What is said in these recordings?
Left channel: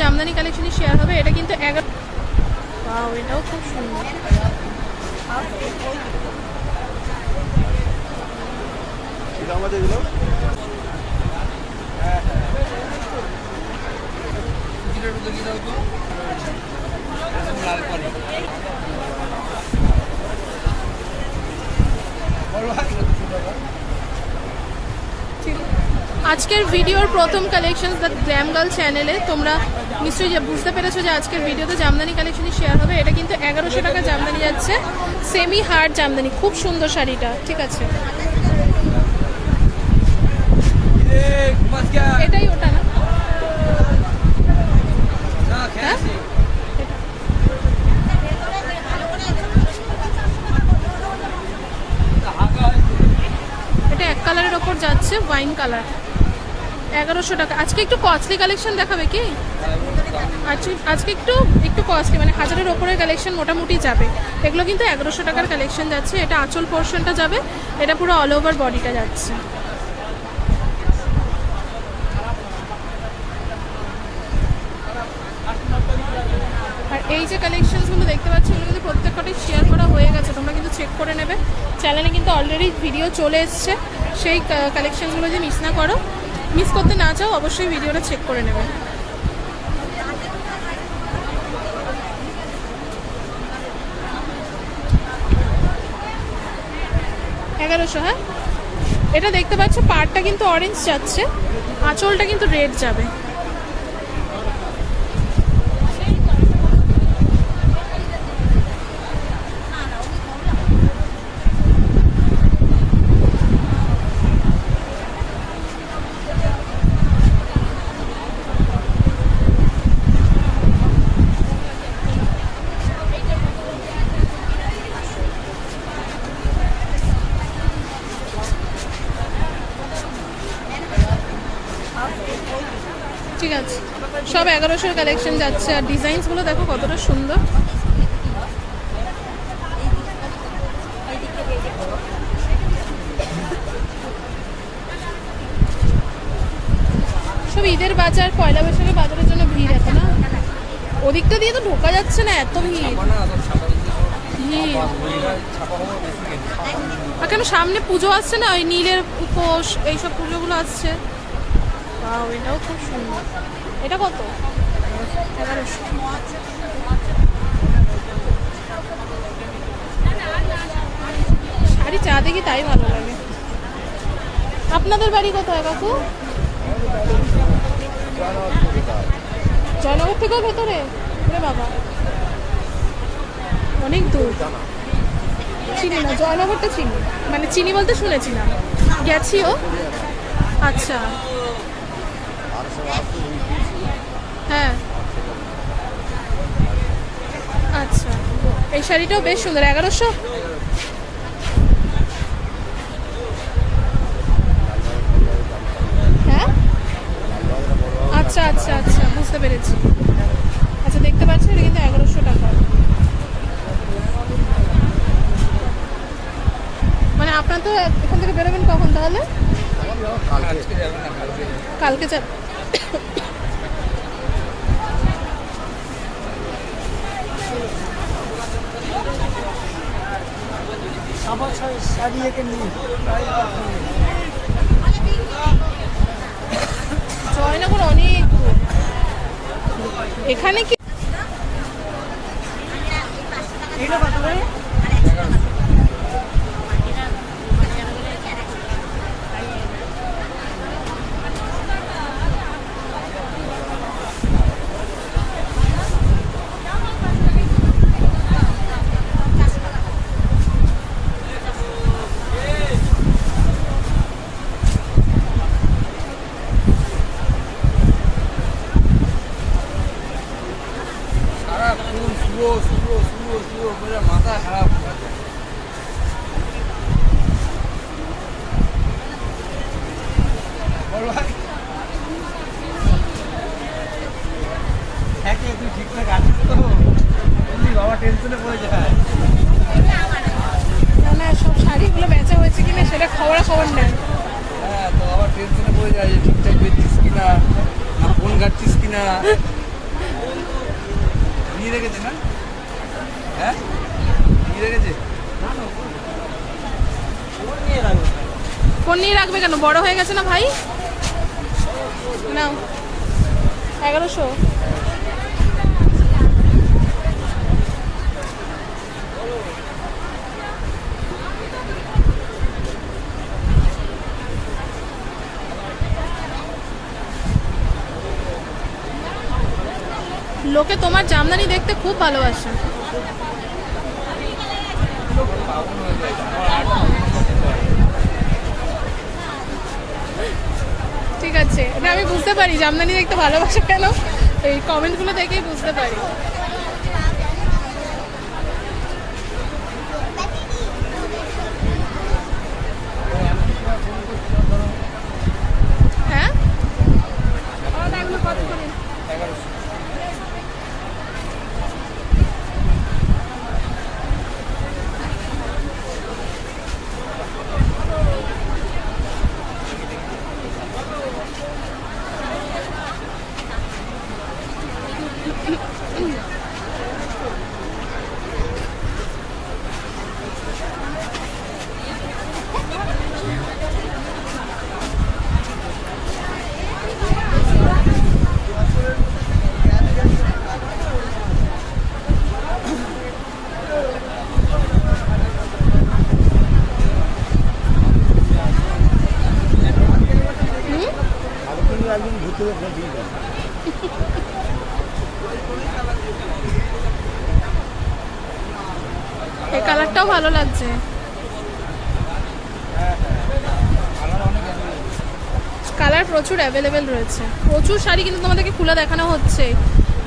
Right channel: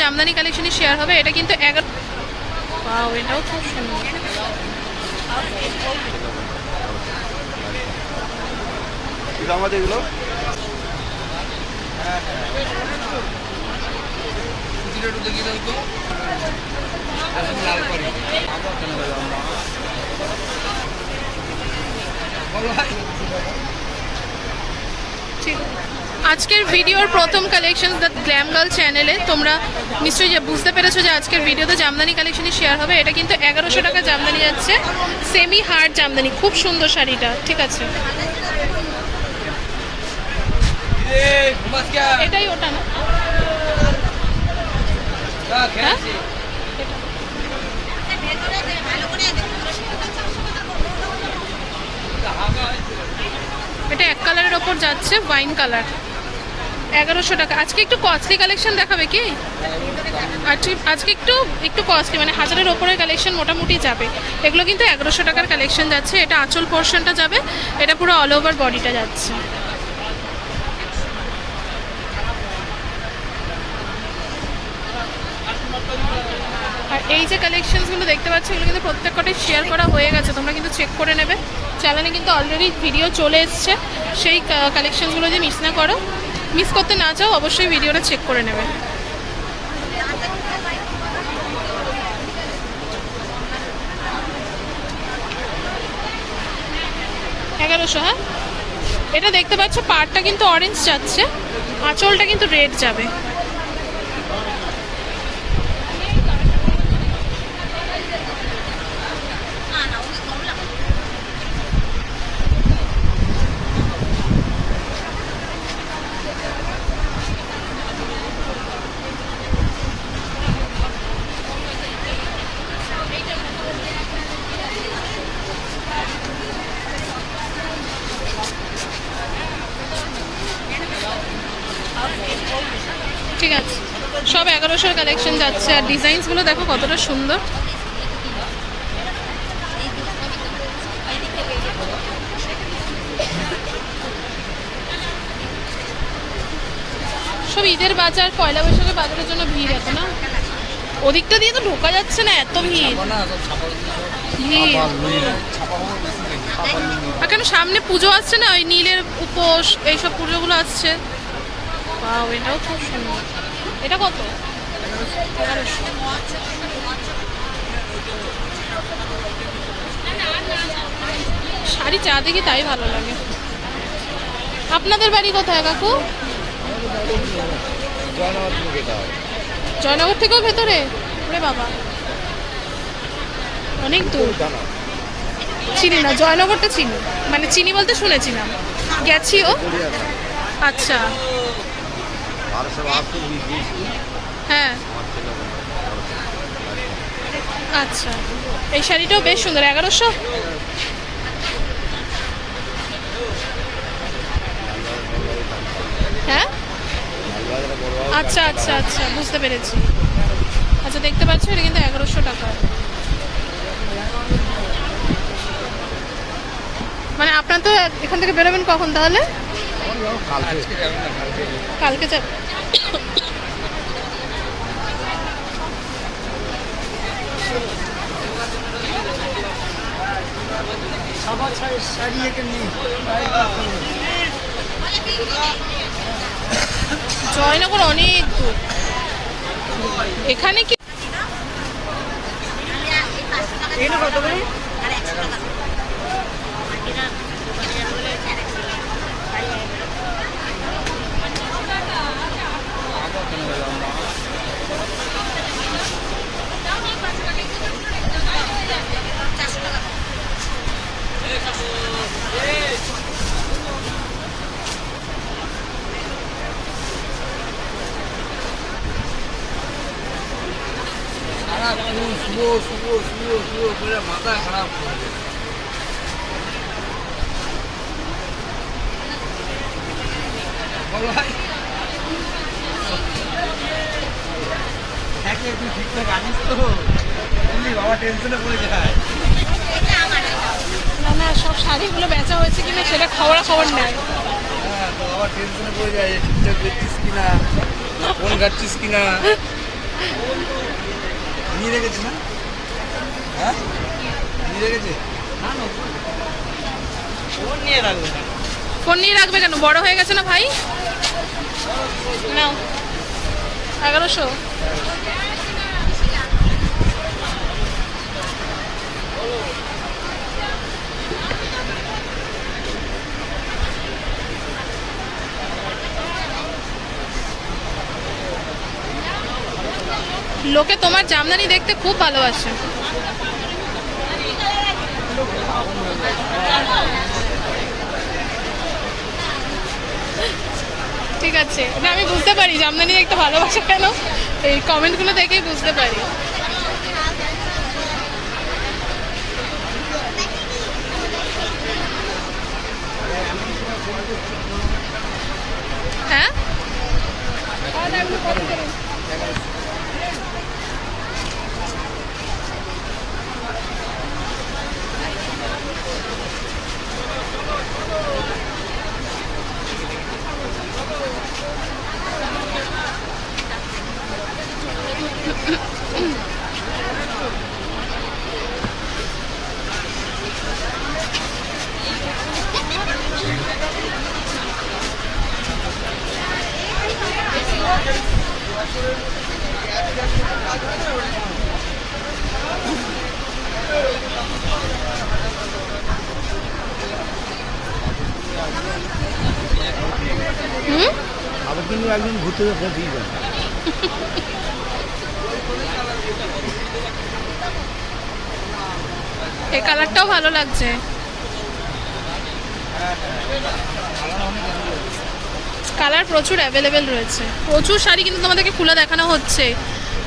Jamdani কালেকশনই share হবে এটা কিন্তু এগারো এটাও খুব সুন্দর। আজকের ভিডিওর প্রথম কালেকশন দ্য গ্ল্যাম গার্ল চ্যানেলে তোমরা নিশ্চয়ই যে বুঝতে পেরেছ যে আজকের ভিডিওতে জামদানি কালেকশনই শেয়ার হবে। এটা কিন্তু এগারোশো টাকা জামদানি যাচ্ছে। সেমি হার্ড জামদানি, খুব সুন্দর শাড়িটা, ঠিক আছে? এটাই ওটা না? হ্যাঁ? এটা। এটা এক কালারের ওপর যাচ্ছে ওয়াইন কালার এগারোশো টাকা। আজকে একটু কস্টলি কালেকশন দেখাবে কি? আজকে আজকে একটু একটু কস্টলি মানে হাজারের ওপরের কালেকশন মোটামুটি যাবে। এগুলো কিন্তু এগারোশো টাকার কালেকশন যাচ্ছে। এটা আঁচল পোর্শনটা যাবে। এটা পুরো অল ওভার বডিটা যাচ্ছে। আর এই যে কালেকশনসগুলো দেখতে পাচ্ছ, এগুলো কিন্তু প্রত্যেকটাই শেয়ার করা হয়ে গেছে। তোমরা কিন্তু চেক করে নেবে। চ্যানেলে কিন্তু অলরেডি ভিডিও চলে এসছে। সেই কালেকশনসগুলো যে মিস না করো। মিস করতে না চাও, অবশ্যই ভিডিওটা চেক করে নেবে। এগারোশো হ্যাঁ? এটা দেখতে পাচ্ছ, পাড়টা কিন্তু অরেঞ্জ যাচ্ছে, আঁচলটা কিন্তু রেড যাবে ঠিক আছে সব এগারোশোর কালেকশন যাচ্ছে। আর ডিজাইনসগুলো দেখো কতটা সুন্দর। সব ঈদের বাজার, পয়লা বৈশাখের বাজারের জন্য ভিড় এখন না? ওদিকটা দিয়ে তো ঢোকা যাচ্ছে না, এত ভিড়। আর কেন সামনে পুজো আসছে না? ওই নীলের উপোস, এইসব পুজোগুলো আসছে। বাও এটাও খুব সুন্দর। এটা কত? শাড়ি চা দেখি তাই ভালো লাগে। আপনাদের বাড়ি কোথায় কাকু? জয়নগর থেকেও ভেতরে? ওরে বাবা। অনেক দূর। চিনি না, জয়নগরটা চিনি। মানে চিনি বলতে শুনেছিলাম। গেছিও? আচ্ছা। হ্যাঁ। আচ্ছা। এই শাড়িটাও বেশ সুন্দর এগারোশো? হ্যাঁ? আচ্ছা আচ্ছা আচ্ছা বুঝতে পেরেছি। আচ্ছা দেখতে পাচ্ছ এটা কিন্তু এগারোশো টাকা। মানে আপনার তো এখান থেকে বেরোবেন কখন তাহলে? কালকে। যাব জয়নগর অনেক এখানে কি সারাক্ষণ শুয়ো শুয়ো শুয়ো শুয়ো করে মাথা খারাপ হয়ে যায়। বল ভাই। একে তুই ঠিকঠাক আছিস তো? বললি বাবা টেনশনে পড়ে যায় না না সব শাড়িগুলো বেচা হয়েছে কিনা সেটা খবরা খবর নেয় হ্যাঁ টেনশনে পড়ে যায় যে ঠিকঠাক দেখছিস কিনা ফোন ঘাটছিস কিনা। নিয়ে রেখেছে না? হ্যাঁ? নিয়ে রেখেছে? ফোন নিয়ে রাখবে কেন? বড় হয়ে গেছে না ভাই? নাও। এগারোশো? লোকে তোমার জামদানি দেখতে খুব ভালোবাসে। ঠিক আছে। না, আমি বুঝতে পারি জামদানি দেখতে ভালোবাসে কেন। এই কমেন্টগুলো দেখেই বুঝতে পারি হ্যাঁ হুম আমাকে নিয়ে একদিন ঘুরতে যেতে দিয়ে যান এই কালারটাও ভালো লাগছে। কালার প্রচুর অ্যাভেলেবেল রয়েছে। প্রচুর শাড়ি কিন্তু তোমাদেরকে খুলে দেখানো হচ্ছে।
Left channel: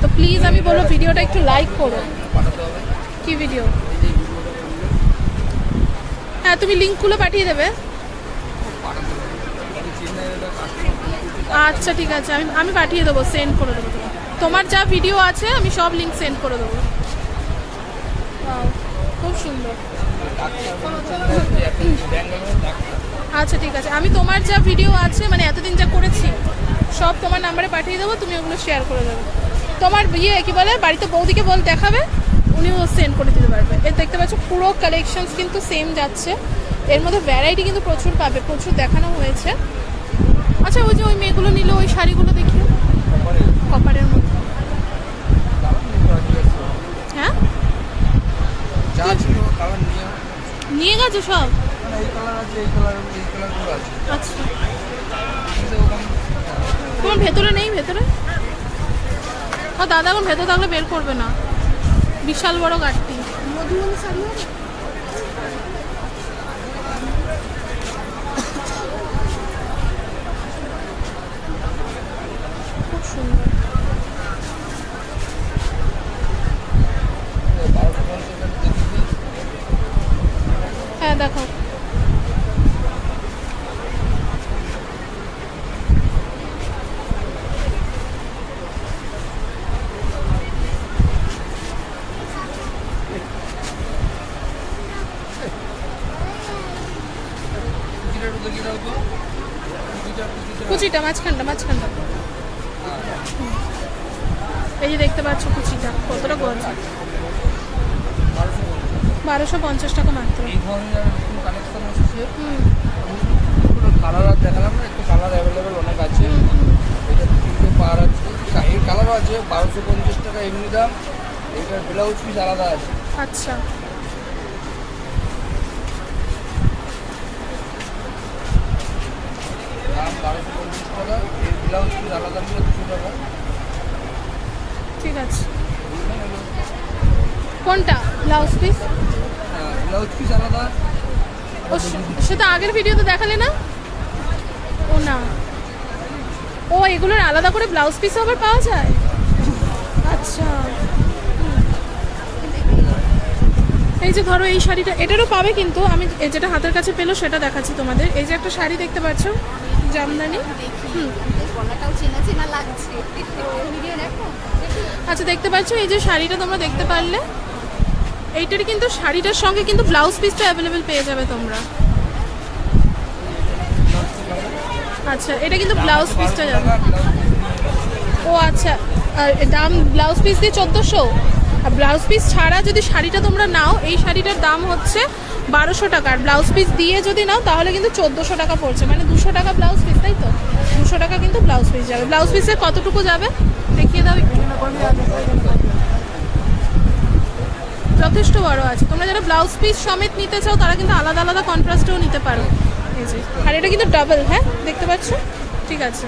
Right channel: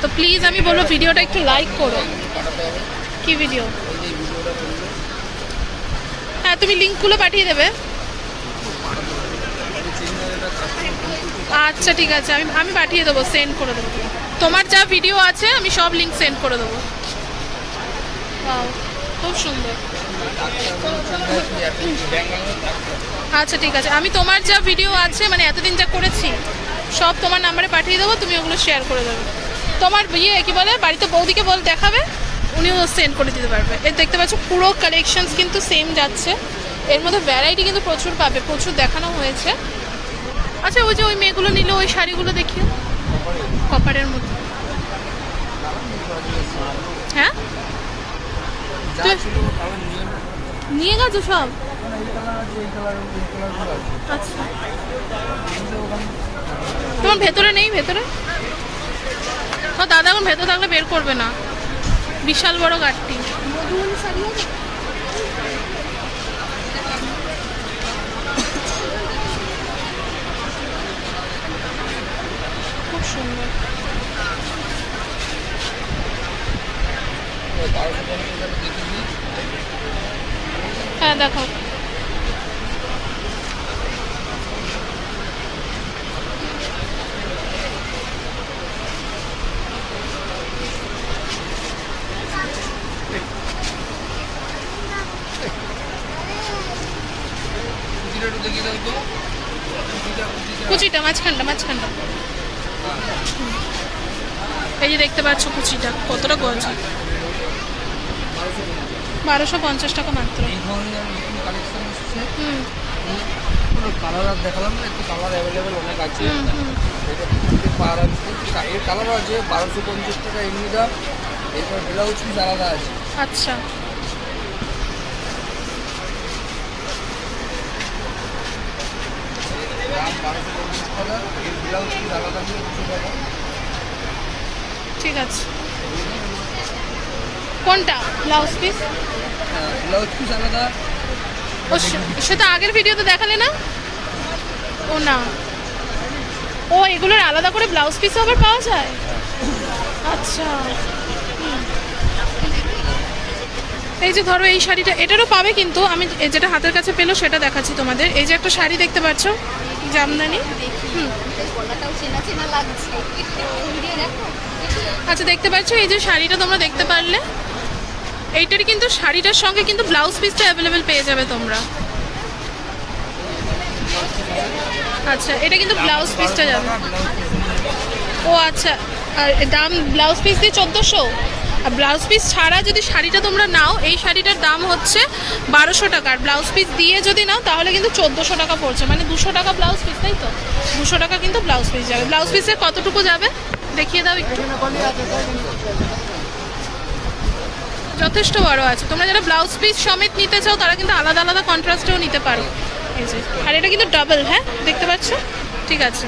তো প্লিজ আমি বলব ভিডিওটা একটু লাইক করো। কি ভিডিও হ্যাঁ তুমি লিঙ্কগুলো পাঠিয়ে দেবে। আচ্ছা ঠিক আছে। আমি আমি পাঠিয়ে দেবো সেন্ড করে দেবো তোমার যা ভিডিও আছে, আমি সব লিঙ্ক সেন্ড করে দেবো। খুব সুন্দর। আচ্ছা ঠিক আছে। আমি তোমার যা ভিডিও আছে মানে এতদিন যা করেছি, সব তোমার নাম্বারে পাঠিয়ে দেবো, তুমি ওগুলো শেয়ার করে দেবে। তোমার ইয়ে কি বলে, বাড়িতে বৌদিকে বল, দেখাবে, উনিও সেন্ড করে দিতে পারবে। এর দেখতে পাচ্ছ, পুরো কালেকশনস কিন্তু সেম যাচ্ছে। এর মধ্যে ভ্যারাইটি কিন্তু প্রচুর পাবে, প্রচুর দেখানো হয়েছে। আচ্ছা ওই যে ওই মেয়েগুলো নিল, ওই শাড়িগুলো দেখিও। কপারের মধ্যে হ্যাঁ যা তুই- ছিল কালার নিয়ে নিয়ে গেছো সব? আচ্ছা। তোমার ভেতরে নেই, ভেতরে? দাদা এখন ভেতরে থাকলে বের করবে না। বিশাল বড় গাড়টি। খুব সুন্দর। হ্যাঁ কুচিটা কুচিটা মাঝখানটা মাঝখানটা। এই যে দেখতে পাচ্ছ কুচিটা কতটা গজ বারোশো পঞ্চাশ টাকা মাত্র। এই ধরনের কালেকশন এসেছে। হুম। কালার আর দেখালাম না একটু কালার অ্যাভেলেবেল অনেক আছে। পাওয়ার আছে এর কালার আছে বারোশো পঞ্চাশ টাকা এমনি দাম। এটার ব্লাউজ পিস আলাদা আছে। আচ্ছা। দাম বারোশো পঞ্চাশ টাকা এর ব্লাউজ পিস আলাদা নিয়ে দুশো টাকা। ঠিক আছে। কোনটা? ব্লাউজ পিস ব্লাউজ পিস আলাদা। ও সেটা আগের ভিডিওতে দেখালে না? ও না। ও, এগুলোর আলাদা করে ব্লাউজ পিসও আবার পাওয়া যায়? আচ্ছা। এই যে ধরো, এই শাড়িটা, এটারও পাবে কিন্তু, আমি যেটা হাতের কাছে পেল, সেটা দেখাচ্ছি তোমাদের। এই যে একটা শাড়ি দেখতে পাচ্ছ, জামদানি। হুম। আচ্ছা দেখতে পাচ্ছ, এই যে শাড়িটা তোমরা দেখতে পারলে? এইটার কিন্তু শাড়িটার সঙ্গে কিন্তু ব্লাউজ পিসটা অ্যাভেলেবেল পেয়ে যাবে তোমরা। আচ্ছা এটা কিন্তু ব্লাউজ পিসটা যাবে। ও আচ্ছা আর দাম ব্লাউজ পিস দিয়ে চোদ্দোশো? আর ব্লাউজ পিস ছাড়া যদি শাড়িটা তোমরা নাও, এই শাড়িটার দাম হচ্ছে বারোশো টাকা। আর ব্লাউজ পিস দিয়ে যদি নাও, তাহলে কিন্তু চোদ্দোশো টাকা পড়ছে। মানে দুশো টাকা ব্লাউজ পিস তাই তো? দুশো টাকা কিন্তু ব্লাউজ পিস যাবে। ব্লাউজ পিসে কতটুকু যাবে? দেখিয়ে দাও একটু। যথেষ্ট বড় আছে। তোমরা যারা ব্লাউজ পিস সমেত নিতে চাও, তারা কিন্তু আলাদা আলাদা কন্ট্রাস্টেও নিতে পারো। এই যে, আর এটা কিন্তু ডাবল হ্যাঁ? দেখতে পাচ্ছ? ঠিক আছে।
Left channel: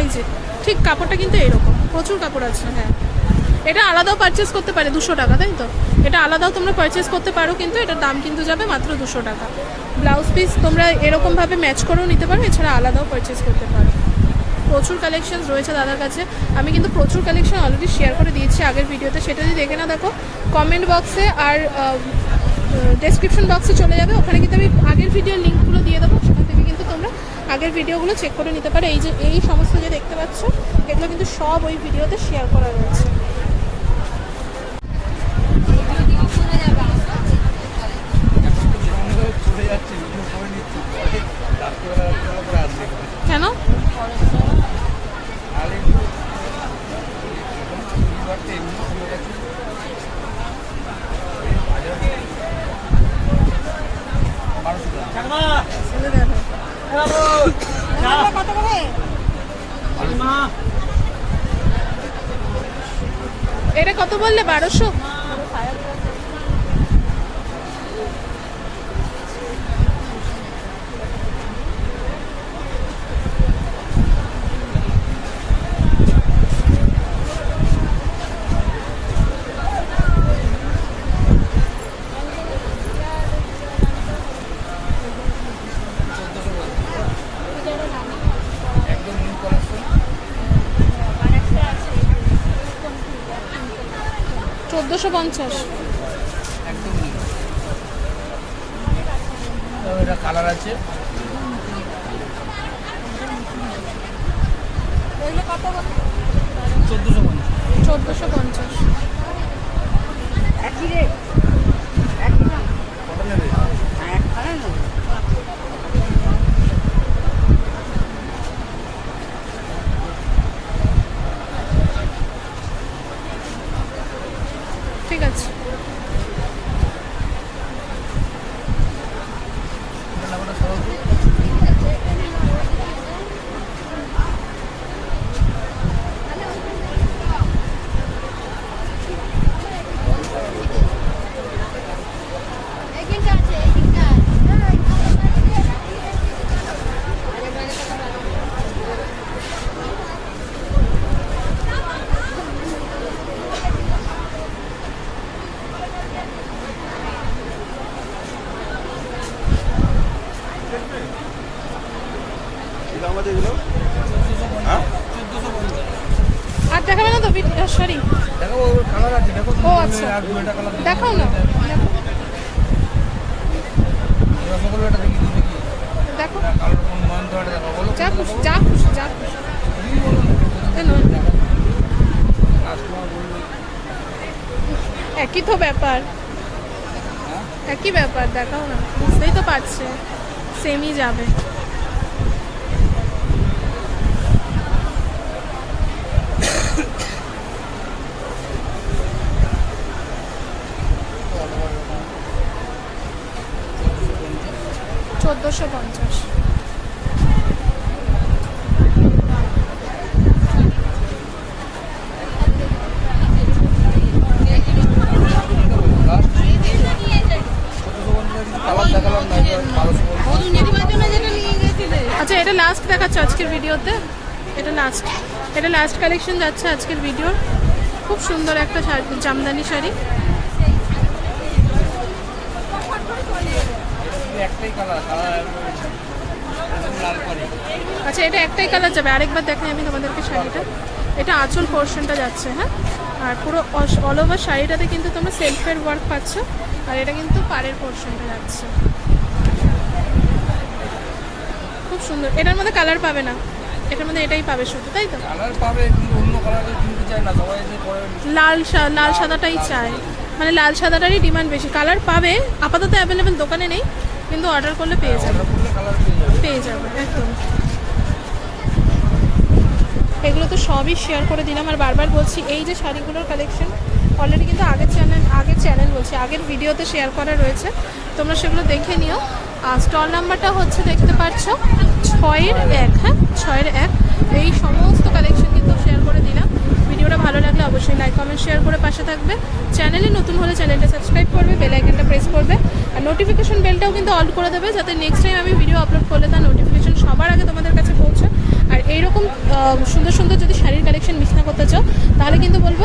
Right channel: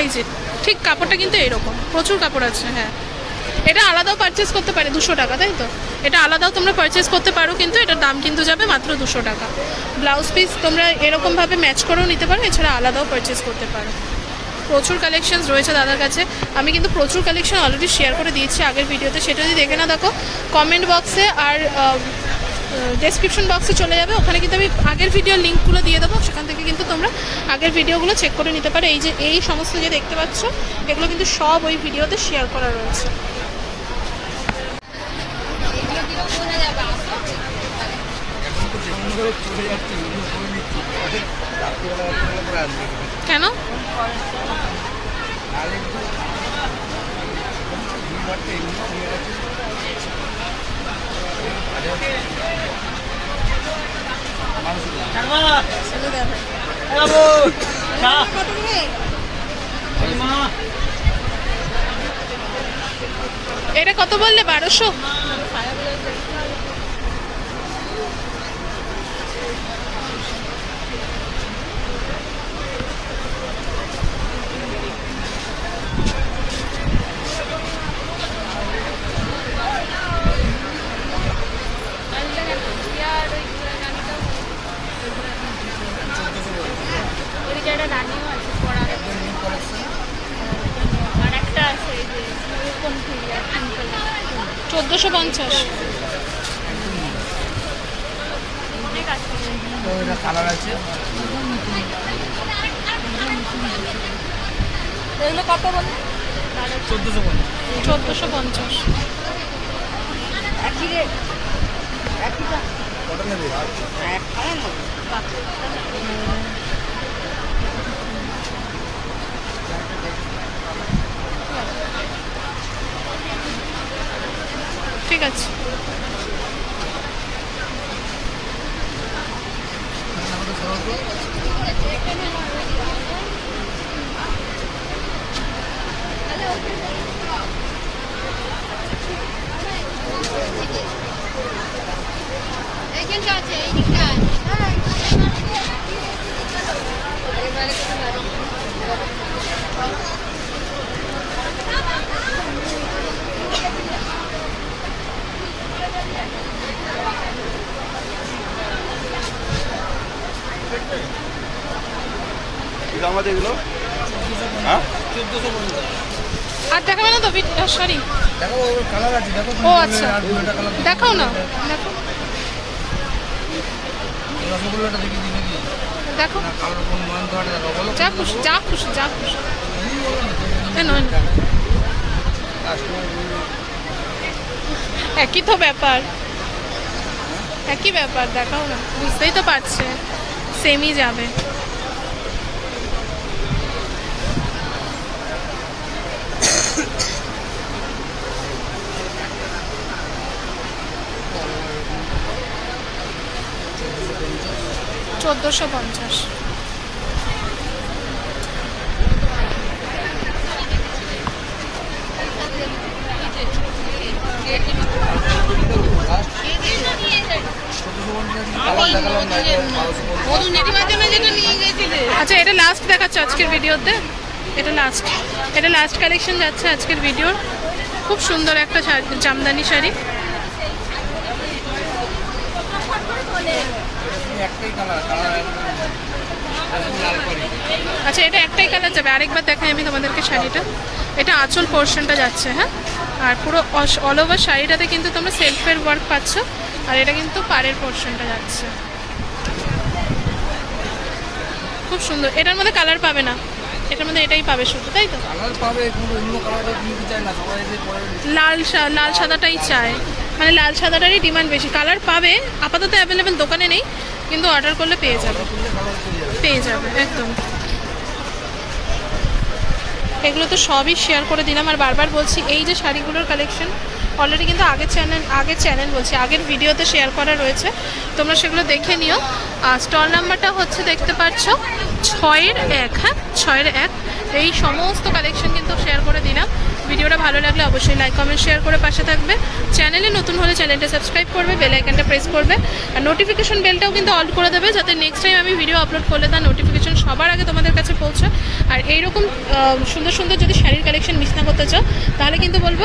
এই যে, ঠিক কাপড়টা কিন্তু এরকম। প্রচুর কাপড় আছে হ্যাঁ। এটা আলাদাও পারচেস করতে পারে, দুশো টাকা, তাই তো? এটা আলাদাও তোমরা পারচেস করতে পারো, কিন্তু এটার দাম কিন্তু যাবে মাত্র দুশো টাকা। ব্লাউজ পিস তোমরা এরকমভাবে ম্যাচ করেও নিতে পারো, এছাড়া আলাদাও পারচেস করতে পারো। প্রচুর কালেকশনস রয়েছে দাদার কাছে। আমি কিন্তু প্রচুর কালেকশন অলরেডি শেয়ার করে দিয়েছি আগের ভিডিওতে। সেটা যদি দেখে না দেখো কমেন্ট বক্সে আর ডেসক্রিপশন বক্সে চলে যাবে। ওখানে কিন্তু আমি আগের ভিডিওর লিঙ্কগুলো দিয়ে দেবো। সেখান থেকে কিন্তু তোমরা আগের ভিডিওগুলো চেক করে নিতে পারো। এই যে, এই সমস্ত যে দেখতে পাচ্ছ, এগুলো কিন্তু সব ওই ভিডিওতে শেয়ার করা রয়েছে। শুনে যাবে আসো চলে যাচ্ছি ভিডিও করে নিচ্ছি রাত্রিবেলা রাত্রিবেলা করে আসবে কেন তাহলে শনিবারটা এমনি খুলে গেছে এটা কত বললে? বারোশো? চোদ্দোশো পঞ্চাশ। এগুলো কত চোদ্দোশো পঞ্চাশ। চোদ্দোশো পঞ্চাশ একই রেট নেবে ঠিক আছে আমাদের সরল তো এইখানটা আছে এইখানটা কি দাম আছে এগুলো হ্যাঁ চোদ্দোশো পঞ্চাশ আর দেখাবে সরি ও আচ্ছা। দেখাও না, দেখো। দেখি। যা খুশি যা খুশি যা খুশি। একই তো ব্যাপার। একই ব্যাপার, দেখাও না। বুঝতেই তো পারছে। সেমই যাবে। চোদ্দোশো পঞ্চাশ। আচ্ছা এটা লাস্ট দেখাচ্ছে আজকের ভিডিওতে। এটা লাস্ট এটা লাস্ট কালেকশন যাচ্ছে আজকের ভিডিওর। খুব সুন্দর একটা জামদানি শাড়ি। আচ্ছা এটা একটাই কালার যাবে। আরেকবার দেখাই আমি তোমাদেরকে শাড়িটা। এটা আঁচল পোর্শনটা যাচ্ছে হ্যাঁ? আর পুরো অল ওভার শাড়িটাতে কিন্তু তোমরা সেলফের ওয়ার্ক পাচ্ছ। আর এটা কিন্তু পাড়ের পোর্শনটা যাচ্ছে। খুব সুন্দর। এটার মধ্যে কালার পাবে না। এটার মধ্যে এটাই পাবে শুধু তাই তো? লাল লাল সাদাটাই চায়। মানে লাল সাদাটারই ডিমান্ড বেশি। কালার পাবে আপাতত অ্যাভেলেবেল দোকানে নেই। কিন্তু অর্ডার করলে পেয়ে যাবে। পেয়ে যাবে, একদম। এগুলো তো সবই শেয়ার করে দিলাম। আর বারবার বলছি, এই যে শাড়িগুলোর কালেকশন অলরেডি কিন্তু আগের চ্যানেল আগের চ্যানেল বলছি, আগের ভিডিওতে শেয়ার করা রয়েছে। তোমরা সেগুলো দেখে নিও। আর স্টল নাম্বারটা হচ্ছে দেখতে পাচ্ছ, ছয়ের এক হ্যাঁ? ছয়ের এক। এই সমস্ত কালেকশন কিন্তু শেয়ার করে দিলাম। ভালো লাগলে অবশ্যই লাইক কমেন্ট শেয়ার করে পাশে থাকবে। চ্যানেলে নতুন হলে চ্যানেলটা সাবস্ক্রাইব করবে বেল প্রেস করবে। আর নোটিফিকেশন বেলটাও কিন্তু অল করে দেবে যাতে নেক্সট টাইম আমি ভিডিও আপলোড করলে তার নোটিফিকেশন সবার আগে তোমাদের কাছে পৌঁছে। আর এইরকম সুন্দর সুন্দর যদি শাড়ির কালেকশন মিস না করতে চাও, তাহলে কিন্তু বলব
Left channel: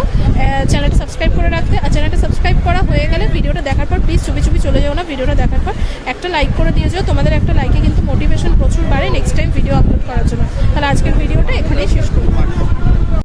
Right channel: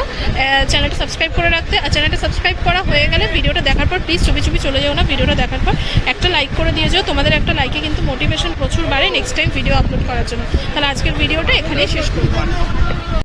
চ্যানেলটা সাবস্ক্রাইব করে রাখতে। আর চ্যানেলটা সাবস্ক্রাইব করা হয়ে গেলে ভিডিওটা দেখার পর প্লিজ চুপি চুপি চলে যাও না ভিডিওটা দেখার পর একটা লাইক করে দিয়ে যাও। তোমাদের একটা লাইকে কিন্তু মোটিভেশন প্রচুর বাড়ে নেক্সট টাইম ভিডিও আপলোড করার জন্য। তাহলে আজকের ভিডিওটা এখানেই শেষ করব।